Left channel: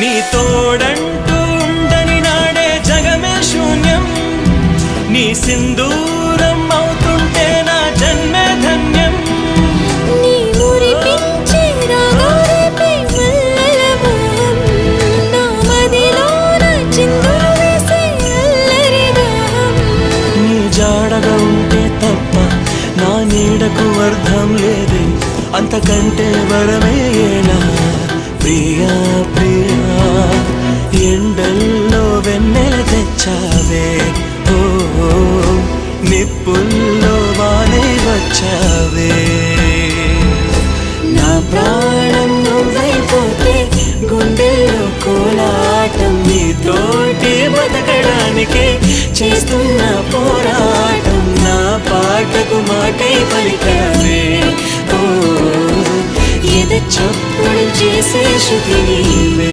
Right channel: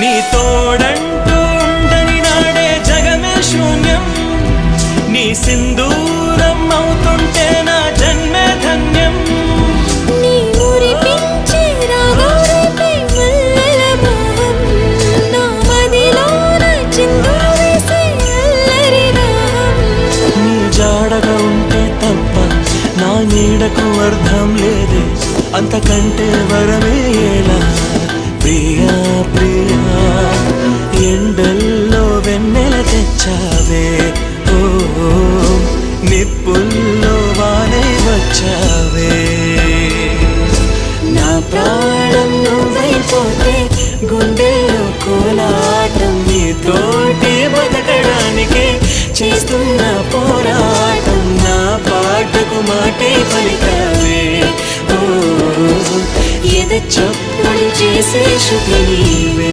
నీ తోడంటూ ఉండని నాడే జగమే శూన్యం, నీ సింధూరం అవుతుంటే నా జన్మే ధన్యం. నీ మురిపించే రాగాలపై మల్లెల మోహం, నా మదిలోన చిందులు వేసే అల్లరి దాహం. నీ జాడగా ఉంటే తప్ప నా నీడకు అర్థం లేదే, అంతకంటే వరమే ఎలా ప్రియా ప్రియా. ఎండల్లో వెన్నెల తెచ్చావే, ఓ నిప్పుల్లో వానే వచ్చావే. నా ప్రాణం నువ్వైపోతే గుండెల్లో కోలాటం, నీతోటి బతకడానికే చేస్తున్న పోరాటం. నా పాటకు మాటే పలికావే, ఓ ఎద చప్పుడు చేసే శృతి నీవే.